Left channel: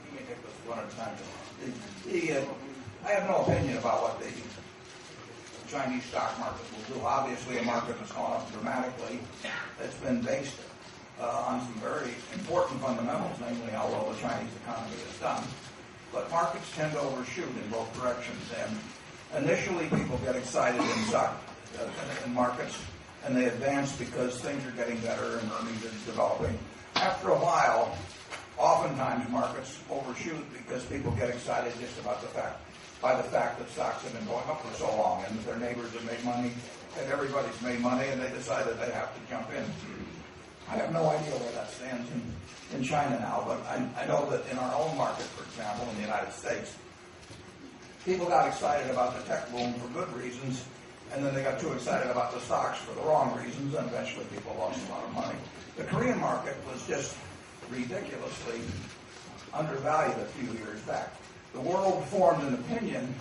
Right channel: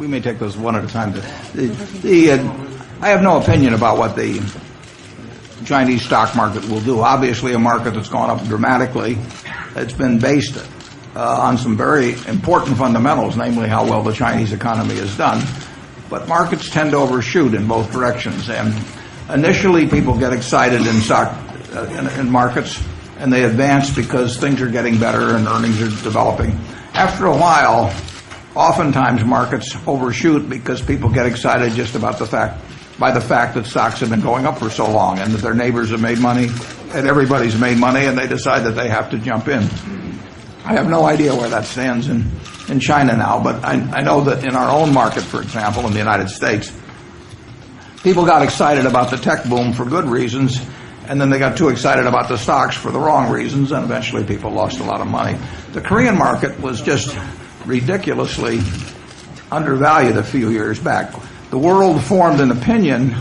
we may take those one at a time. I have no opinion about what the Chinese stock market will do. Obviously, a market that's gone up dramatically. It's been based on some very important fundamentals, namely how well the Chinese economy has done. But markets tend to overshoot in both directions. And initially, people get excited in markets, and they advance because things are getting better and earnings are developing. After a while, oftentimes markets overshoot because people get excited just about the fact that stocks have been going up for so long and that their neighbors have made money and everybody's made money, and they decide that they have to jump in. I have no idea where that stands in China now, but I know that in our own market, for example, in the United States, people got excited about the tech boom for good reasons, and then they got too excited about the stocks for the wrong reasons, and eventually people lost a lot of money. The Korean market was just ridiculously undervalued a few years back. The world formed an opinion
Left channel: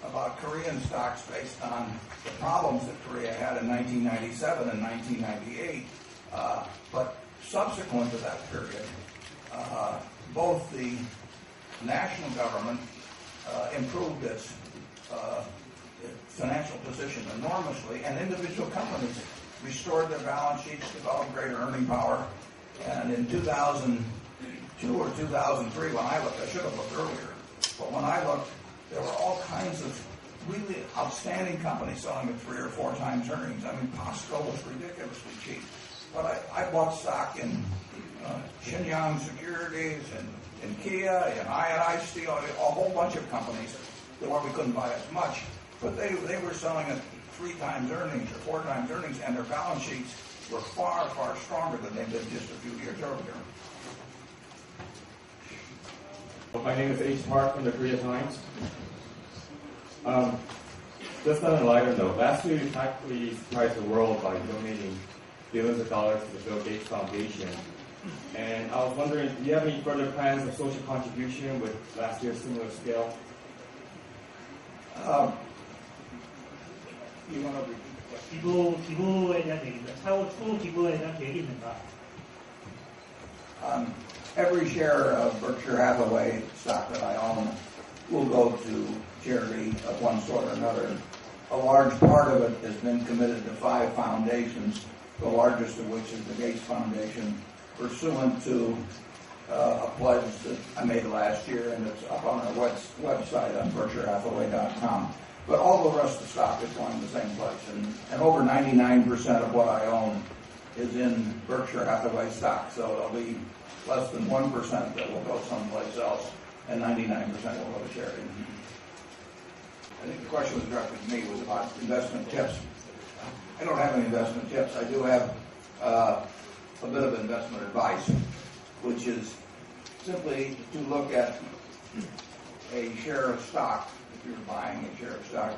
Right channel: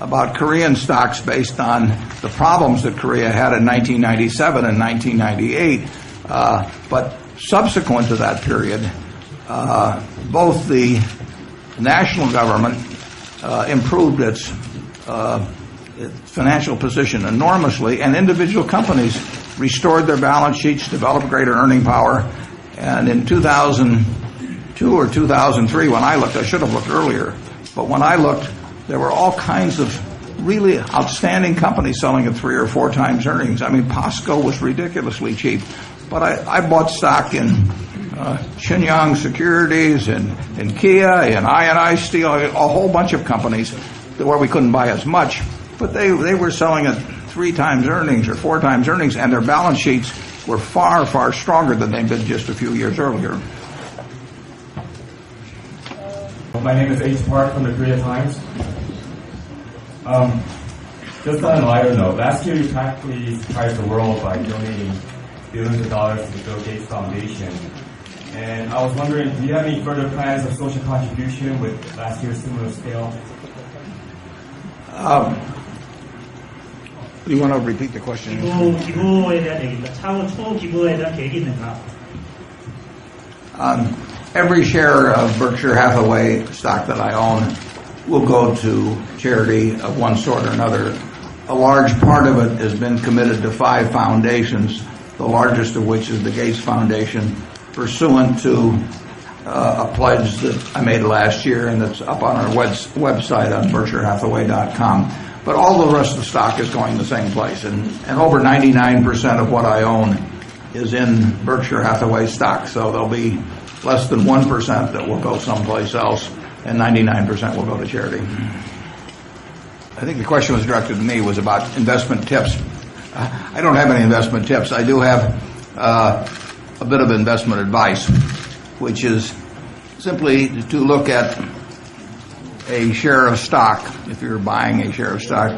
about Korean stocks based on the problems that Korea had in 1997 and 1998. But subsequent to that period, both the national government improved its financial position enormously, and individual companies restored their balance sheets, developed greater earning power. And in 2002 or 2003, when I looked, I should have looked earlier, but when I looked, there were all kinds of really outstanding companies selling at 3 or 4 times earnings. I mean, POSCO was ridiculously cheap. But I bought stock in Shenyang Securities and Kia and I&I Steel, a whole bunch of companies where we couldn't buy as much. But they were selling at 3 times earnings or 4 times earnings, and their balance sheets were far, far stronger than they'd been just a few years earlier. My name is H. Park from the Korea Times. Just on a lighter note, last year you practically surprised the world by donating billions of dollars to the Bill Gates Foundation. And I was wondering, do you have any further plans of social contribution with last year's similar scale? Do you want to repeat the question? 기부에 대한 얘기입니다. 차후 기부에 대한 계획이 있는가? Every share of Berkshire Hathaway stock that I own will go to charity of one sort or another. A large part of it has been committed to 5 foundations, the largest of which is the Gates Foundation, pursuant to a pledge that I made last year, and it's up on our website on BerkshireHathaway.com. But all the rest of the stock is going the same place, and over 99% of what I own is in Berkshire Hathaway stock, so there'll be less than 1% that will go someplace else, and 99% will go to charity. I think the question was directed to me, was about investment tips. I don't have any investment tips. I do have a bit of investment advice, which is simply to look at a share of stock, if you're buying a share of stock,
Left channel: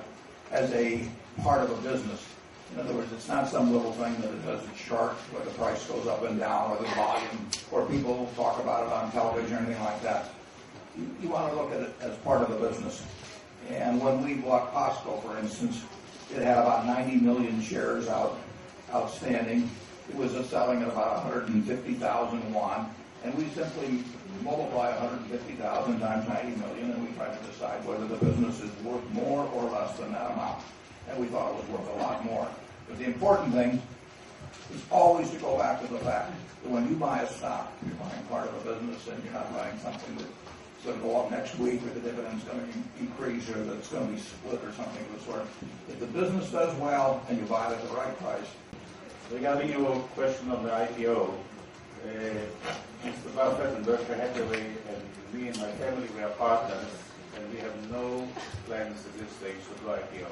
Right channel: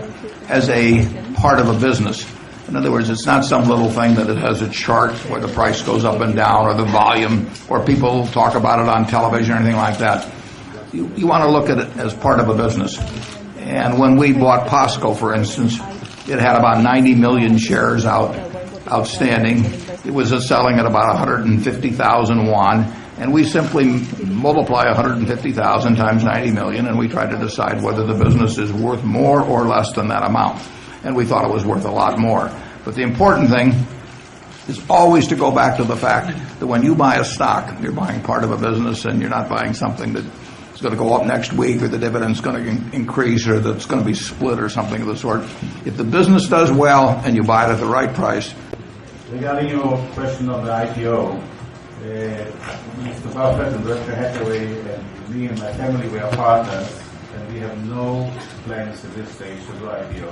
as a part of a business. In other words, it's not some little thing that it has a chart where the price goes up and down, or the volume, or people talk about it on television or anything like that. You want to look at it as part of a business. And when we bought POSCO, for instance, it had about 90 million shares outstanding. It was selling at about 150,000 won. And we simply multiply 150,000 times 90 million, and we try to decide whether the business is worth more or less than that amount. And we thought it was worth a lot more. But the important thing is always to go back to the fact that when you buy a stock, you're buying part of a business, and you're not buying something that is going to go up next week, or the dividend's going to increase, or that's going to be split, or something of the sort. If the business does well and you buy it at the right price. Regarding your question of the IPO, Mr. Buffett and Berkshire Hathaway and me and my family, we are partners, and we have no plans at this stage to go IPO.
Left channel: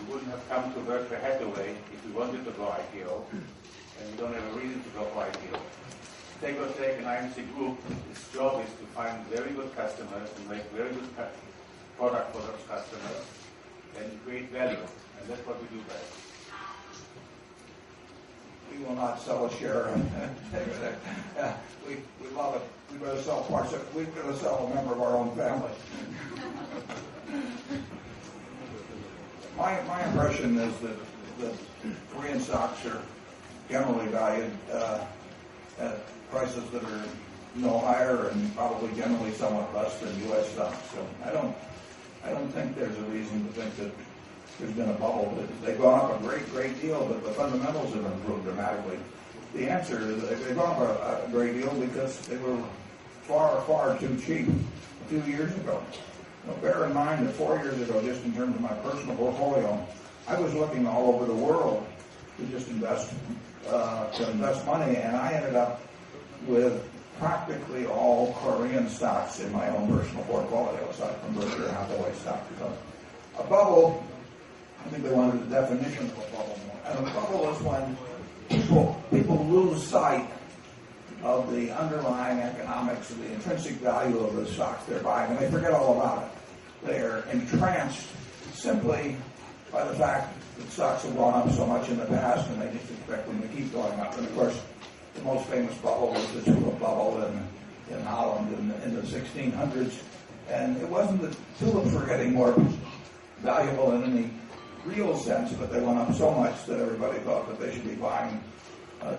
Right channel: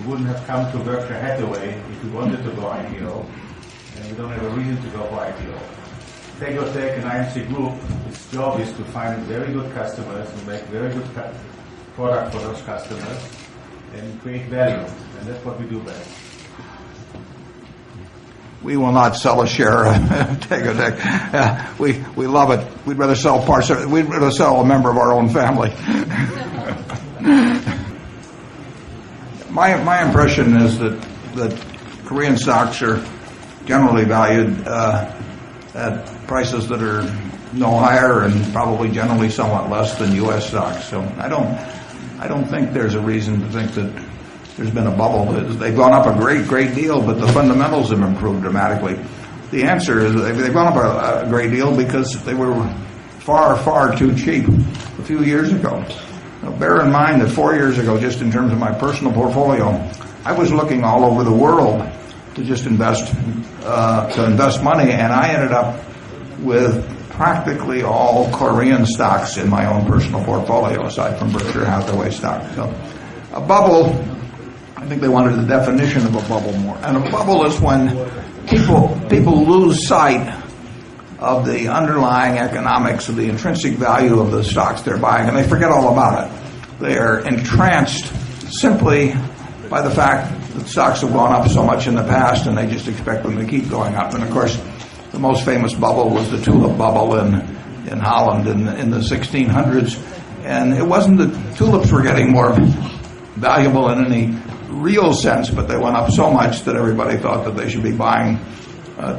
We wouldn't have come to Berkshire Hathaway if we wanted to go IPO, and we don't have a reason to go for IPO. Tegotech and IMC Group, its job is to find very good customers, to make very good product for those customers, and create value, and that's what we do best. We will not sell a share of Tegotech. We love it. We'd rather sell we'd rather sell a member of our own family. My impression is that Korean stocks are generally valued at prices that are no higher and probably generally somewhat less than U.S. stocks. So I don't think there's a reason to think that there's been a bubble. They've gone up a great deal, but the fundamentals have improved dramatically. The answer is they've gone up a great deal because they were far too cheap a few years ago. Now, bear in mind that 4 years ago, just in terms of my personal portfolio, I was looking all over the world to just invest money, and I ended up with practically all Korean stocks in my own personal portfolio, aside from Berkshire Hathaway stock. So, a bubble, I think they wanted the definition of a bubble more. And a bubble is when people lose sight of the underlying economics, of the intrinsic value of the stocks they're buying, and they forget all about it. They are entranced simply by the fact that stocks have gone up so much in the past, and they just expect them to keep going up. And of course, the most famous bubble was the tulip bubble in Holland in the 1600s. And it wasn't that tulips were getting more valuable in any real sense, but they went up so much that everybody thought that they should be buying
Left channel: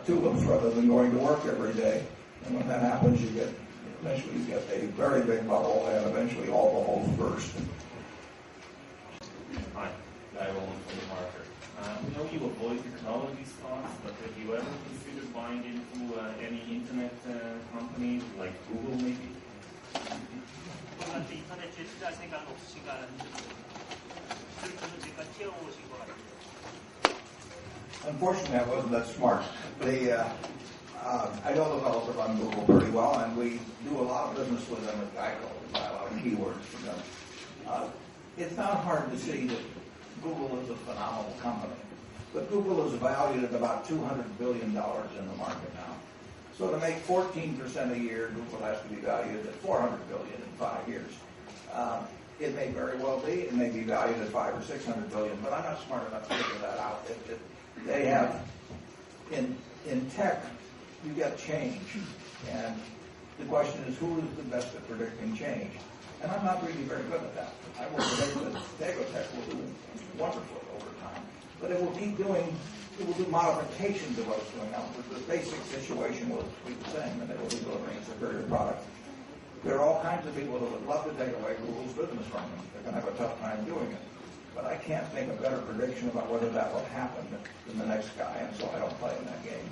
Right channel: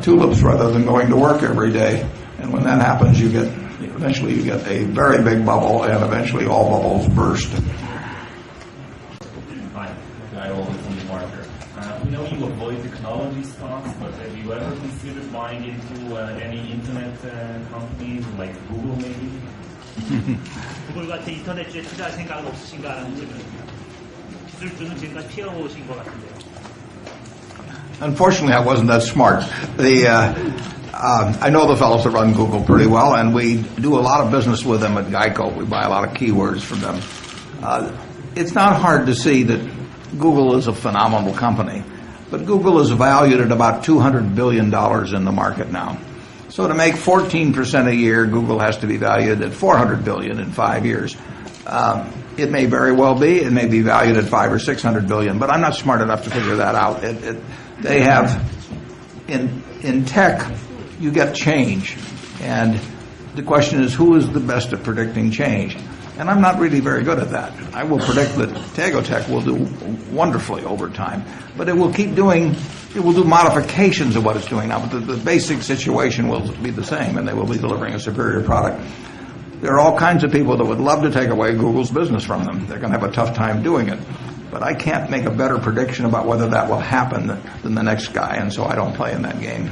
tulips rather than going to work every day. And when that happens, eventually you get a very big bubble, and eventually all bubbles burst. Hi, Guy Olin from the market. We know you avoid technology stocks, but have you ever considered buying into any internet companies like Google maybe? 구글 같은 인터넷주에 투자할 생각은 없으신가 하는 기술주는 지금까지 피하고 오신 것 같은데요. Unfortunately, I wasn't that smart. I know the fellows that run Google pretty well, and we do a lot of business with them at Geico. We buy a lot of keywords from them. It's not hard to see that Google is a phenomenal company, but Google is valued at about $200 billion in the market now. So to make 14% a year, Google has to be valued at $400 billion in 5 years. It may very well be. It may be valued at $500 or $600 billion, but I'm not smart enough to figure that out. They have in tech, you get change, and the question is who is the best at predicting change. And I'm not really very good at that. I will predict that Tegotech will do wonderfully over time, but it will do modifications of what it's doing now, but the basic situation will be the same, and they will be delivering a superior product. There are all kinds of people that would love to take away Google's business from them. They're going to have a tough time doing it. But I can't make a better prediction about whether that will happen than the next guy, and so I don't play in that game.